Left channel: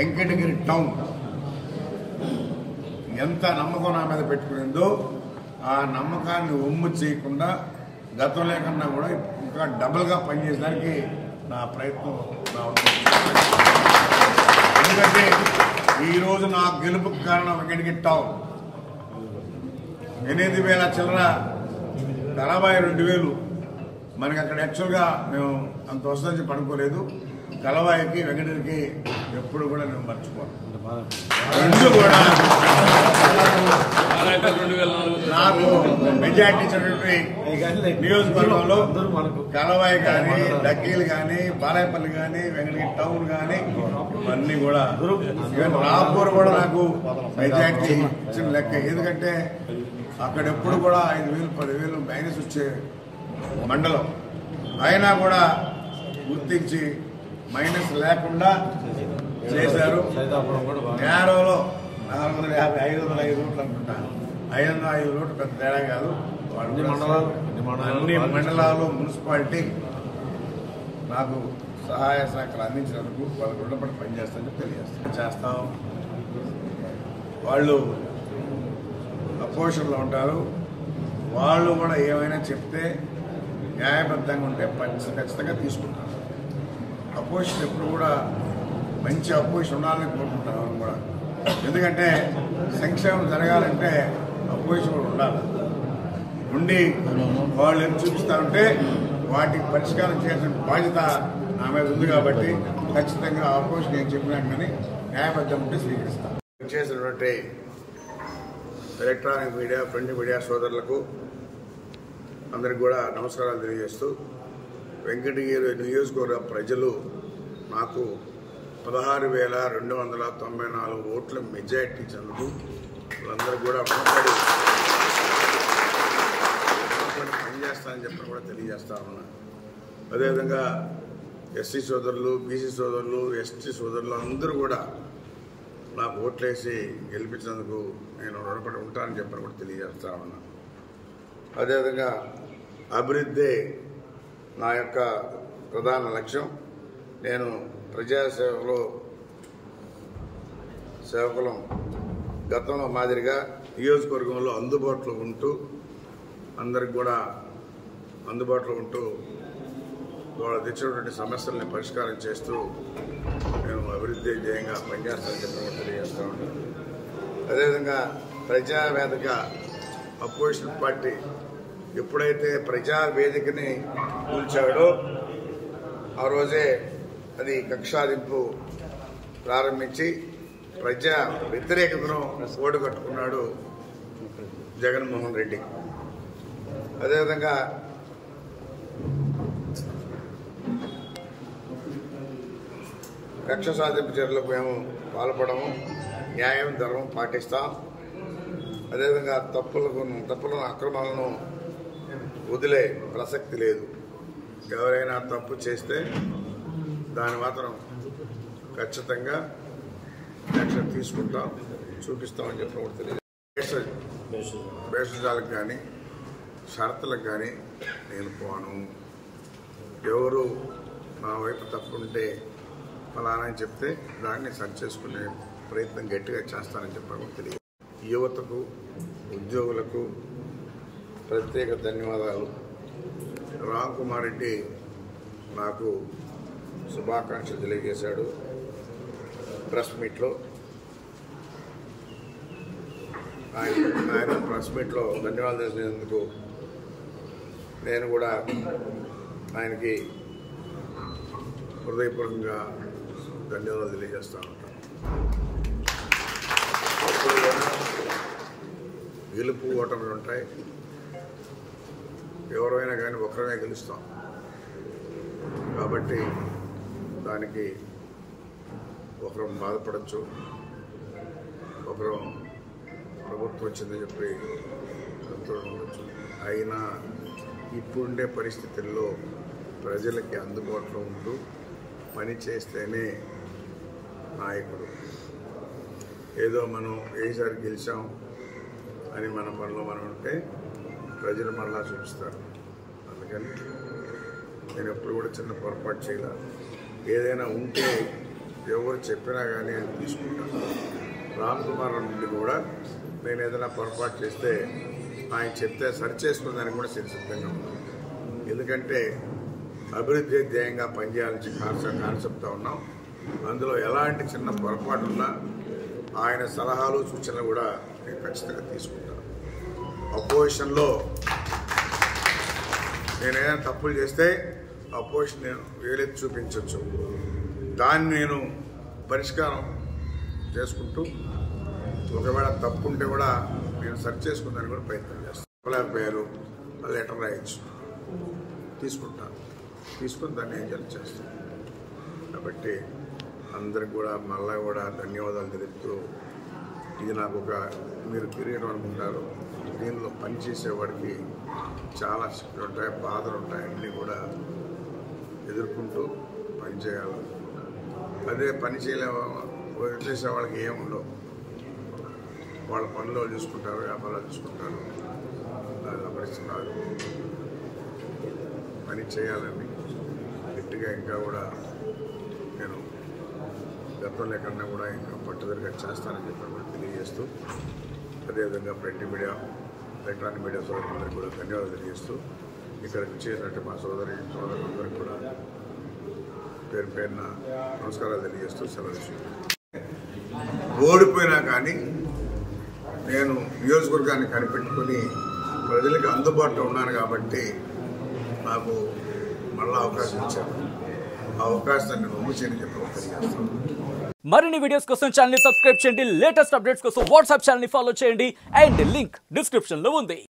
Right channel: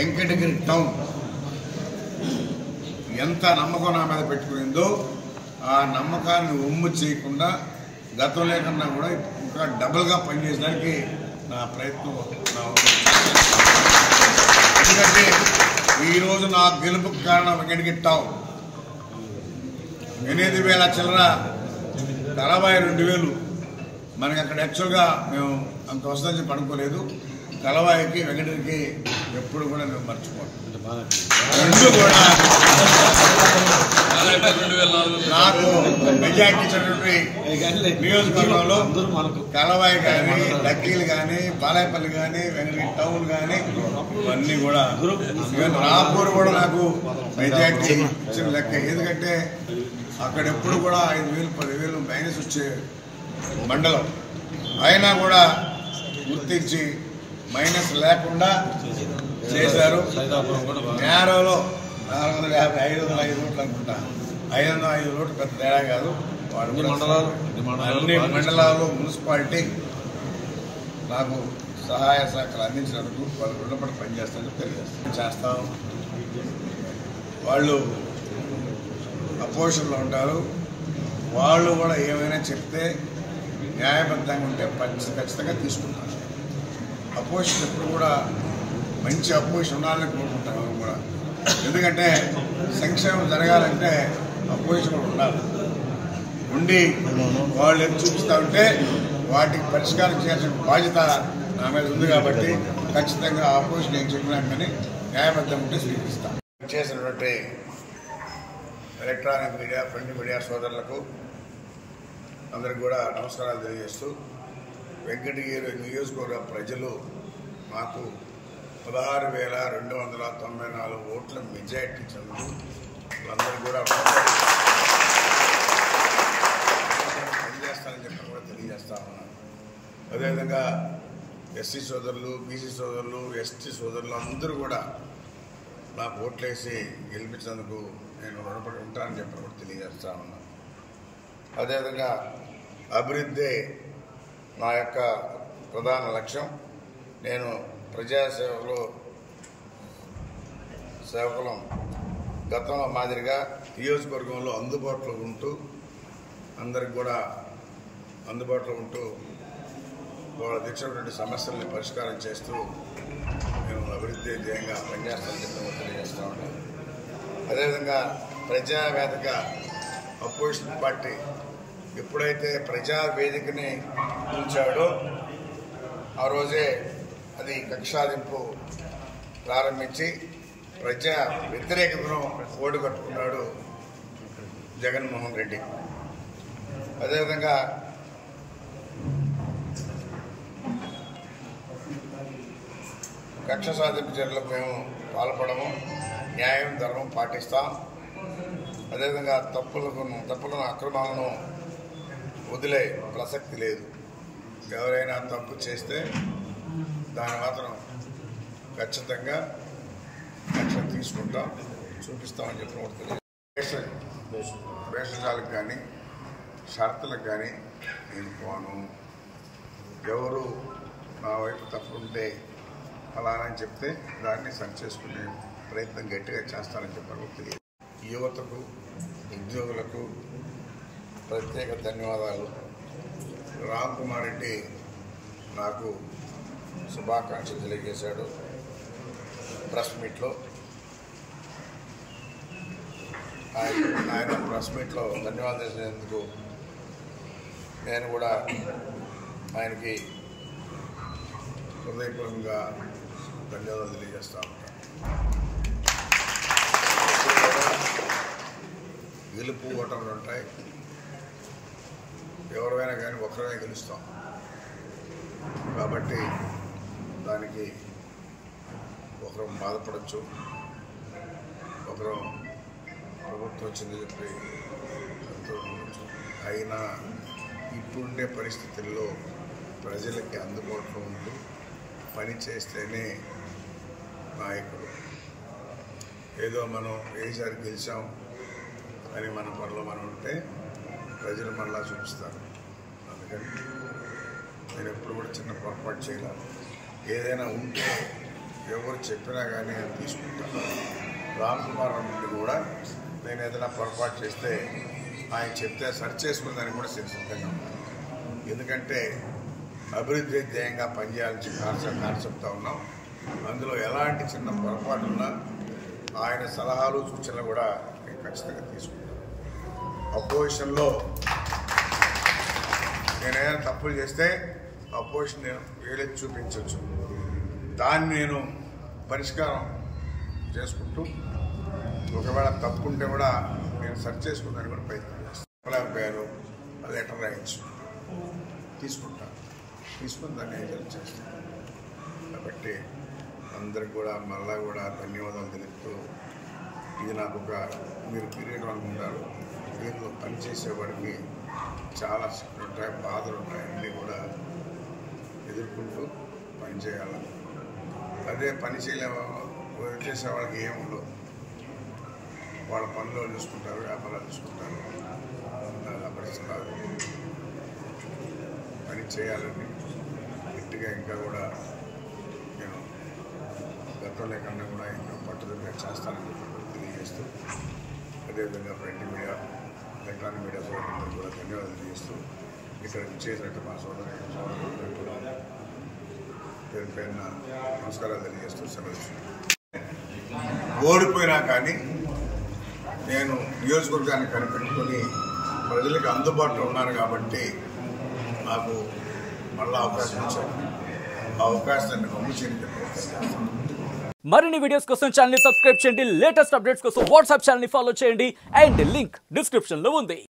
Venkatagiri town ఎంత నమ్మకం నా మీద పెట్టుకునిందో ఆ నమ్మకాన్ని ఒమ్ము చేయకుండా గతంలో కన్నా కూడా ఇంకా డబుల్గా పనిచేయడానికి నా ప్రయత్నం ఎందుకంటే ఈరోజు నా గెలుపుకు కారణం వెంకటగిరి టౌన్ 8,000 చిల్లర 42,000 మనకి అక్కడ యాక్చువల్గా మేము అంత వస్తుందని చెప్పి అనుకోలేదు. కలవాయికి వెంకటగిరికి ఎప్పుడు కూడా నేను మర్చిపోను. రెండు కూడా నాకు మెజార్టీ ఇచ్చినటువంటి నియోజకవర్గంలో కలవాయి కానీ, డక్కీలు కానీ, బాలాయపల్లి కానీ, వెంకటగిరి టౌన్ కానీ ఇవన్నీ కూడా రాపూర్ కూడా నాకు మెజార్టీ ఇచ్చిన లెక్క. ఎందుకంటే అక్కడ ఎప్పుడు కూడా 5,000 10,000 మైనస్ వచ్చే మండలం అయినా కూడా గుర్తించి మైనస్ లేకుండా చేశారు. నేరోలో 450 505 ఓట్లు అనుకుంటా. 505 ఓట్లు పెద్ద తేడా కాదు. అన్ని మండలాలు మున్సిపాలిటీ నాకు సహాయ సహకారాలు అందించినందుకు వాళ్ళు రుణపడి పనిచేస్తానని తెలియజేస్తాం. వాళ్ళు అపోజిషన్లో ఉంటారు. వాళ్ళు కూడా ఏమైనా చెప్తే న్యాయబద్ధంగా ఉంటే ఖచ్చితంగా తీసుకుంటారు. అపోజిషన్ ఎప్పుడు కూడా మంచి అపోజిషన్ ఉండాలని కోరుకుంటాం కూడా. ఎందుకంటే సంక్షేమం జరగాలంటే అపోజిషన్ కూడా ఉండాలి. ఉండి వాళ్ళు ఏం చూపిస్తూ ఉంటే వాటికి పరిష్కారం చేయాల్సిన బాధ్యత నా మీద ఉంది. కాబట్టి ఖచ్చితంగా అపోజిషన్ ఏం చెప్పినా కానీ న్యాయబద్ధం ఉంటే స్వీకరిస్తాను. చేసినటువంటి ఎలక్ట్రానిక్ మీడియా, ప్రింట్ మీడియా సోదరులకు అందరికి కూడా నమస్కారాలు తెలియజేస్తూ, వెంకటగిరి నియోజకవర్గ ప్రజలు నాకు 16,294 ఓట్ల మెజార్టీ ఇచ్చినందుకు వాళ్ళందరికీ కూడా రుణపడి పనిచేస్తానని చెప్పని కూడా తెలియజేస్తా ఉన్నాను. అదేవిధంగా ఎస్సీ సోదరులు, బీసీ సోదరులు, ఎస్టీ సోదరులు అందరూ కూడా నాకు ఓట్లేసి గెలిపించినందుకు నేను రుణపడి ఉంటానని చెప్పని కూడా తెలియజేస్తా ఉన్నాను. అదేవిధంగా అభివృద్ధి నా యొక్క ప్రధాన లక్ష్యం. నేను సేవకులం గతంలో మాదిరిగా నియోజకవర్గంలో అందుబాటులో ఉంటూ అందరికి కూడా అందుబాటులో ఉంటూ వాళ్ళు తెచ్చినటువంటి సమస్యల్ని పరిష్కారం చేస్తూ నేను అభివృద్ధి ధ్యేయంగా పనిచేస్తానని చెప్పి కూడా తెలియజేస్తూ ఉన్నాను. అదేవిధంగా ప్రజావేదిక అపోజిషన్ పార్టీ ఎప్పుడైతే ప్రజావేదికని కూల్చాడో ఆ రోజే అది కక్షాదింపు ప్రారంభించి ప్రజా వ్యతిరేకతను ఓటు కట్టుకున్నాడు జగన్మోహన్ రెడ్డి. అదేవిధంగా కక్ష సాధింపు చర్యలకు మేము పాల్పడము, న్యాయం ధర్మం పాటిస్తాం. అదేవిధంగా తప్పులను అక్రమాలను వదిలే ప్రసక్తి లేదు. ఎవరైనా తప్పు చేస్తే దాని మాత్రం ఖచ్చితంగా యాక్షన్ తీసుకుంటాం, చూపిస్తామని చెప్పిన కూడా తెలియదు. భేషజాలకు కానీ షరతులకు కానీ నేను పోను. ఎవరు నా వైపు తప్పుంటే ఫలానా అని చెప్తే దాన్ని సరి చేసుకునే ప్రయత్నం గట్టిగా చేస్తానని చెప్పడం కూడా తెలియదు. యువతకు, ఉద్యోగులకు ప్రత్యేక ధన్యవాదాలు. రామ్ కుమార్ రెడ్డి నాకు శుభాకాంక్షలు తెలియజేశాడు ప్రెస్ మీట్లో. ఆయన ప్రెస్ మీట్లో ధన్యవాదాలు చేసినందుకు నేను కూడా ఆయనకి హృదయపూర్వకంగా ధన్యవాదాలు తెలియజేస్తూ ఉంటాను. ఇప్పుడు కూడా గెలుపు ఓటములు ఉంటాయి. ఎవరైనా కానీ ఒకరమే గెలుస్తాం. కాబట్టి దానికి ఒకరు బాధపడచ్చు, ఒకరు ప్రభుత్వం వచ్చిందని చెప్పి సంతోషం ఉండొచ్చు. అయినా ఇప్పుడుండే పరిస్థితుల్లో ప్రజలకి అందుబాటులో ఉంటూ పని చేస్తేనే నాయకుడు. ఏదో మనం ఏసారి గెలిచాం అని మన పనిలో మనం ఉంటే ప్రజలు మళ్ళా చూపిస్తారు. అందుకని నేను ఎప్పుడు కూడా చిన్న పొరపాటు చేయాల. ఏదైనా ఉంటే ఎవరు చెప్పినా కానీ నేను తీసుకుంటాను. రామ్ కుమార్ నుండి కూడా నేను ఏదైనా పొరపాటు చేస్తే ఆయన చెప్తే సరి చేసుకునేదానికి కూడా సిద్ధంగా ఉన్నాను. ఎందుకంటే అభివృద్ధి ధ్యేయంగా పనిచేయాలని కాన్సెప్ట్తో ఉన్నాం. అందులో ఎలాంటి చిన్న పొరపాటు ఉన్నా ఆయన సలహాలు సూచనలు కూడా నేను ఖచ్చితంగా తీసుకుంటాను. అపోజిషన్లో నేను ఏదైనా తప్పులు చేస్తే అపోజిషన్ నేను వేలెత్తి చూపించవచ్చు. దాన్ని నేను పరిష్కారం చేసుకుంటూ ఒకవేళ తప్పు ఉంటే కూడా నేను సరి చేసుకుందానికి కూడా ప్రయత్నం చేస్తాను. చెప్పలేకపోయారు, లెటర్ రాయొచ్చు, తీసుకుని దాన్ని ఎంజాయ్ చేస్తాను. కాబట్టి అందరికి కూడా మళ్ళా కూడా ధన్యవాదాలు తెలుపుతూ, ఇది నాకు ఒక మీరు కిరీటం అనుకుంటారు. దీనిలో పనిచేసేవాడికి చాలా శక్తులు ఉంటాయి, బాధలు ఉంటాయి, అన్నీ కూడా ఎదుర్కొంటూ పనిచేయాలి. అదే పని చేసే వాళ్ళకి ఏముండవు, వాళ్ళ పనులు చూసుకుంటారు, వ్యాపారాలు చూసుకుంటారు. అది అపరిస్థితి కాదు. పని చేయాలని గట్టిగా ఇంకా కూడా నేను గతంలో కన్నా కూడా ఇంకా పట్టుదలగా చేస్తానని చెప్పి కూడా తెలియజేస్తూ, అదేవిధంగా ప్రింట్ మీడియా, ఎలక్ట్రానిక్ మీడియా సోదరులందరికీ కూడా ధన్యవాదాలు తెలియజేస్తూ, ఇక్కడికి చేసినట్టు మా సోదరులందరికీ కూడా పేరు పేరున నమస్కారాలు తెలియజేస్తూ సెలవు. ఓడిపోయినా కానీ నేను నియోజకవర్గాన్ని కనిపెట్టుకుని ప్రజలకు అందుబాటులో ఉన్నాను కాబట్టి నాకు మళ్ళా అవకాశం ఇచ్చారు. ఆ అవకాశాన్ని నమ్ము చేయని చెప్పి తెలియజేస్తాను. మరిన్ని వీడియోస్ కోసం ఛానల్ ని సబ్స్క్రైబ్ చేయండి. లేటెస్ట్ అప్డేట్స్ కోసం వాట్సాప్ ఛానల్ ని ఫాలో చేయండి. అండ్ లింక్ డిస్క్రిప్షన్ లో ఉంది.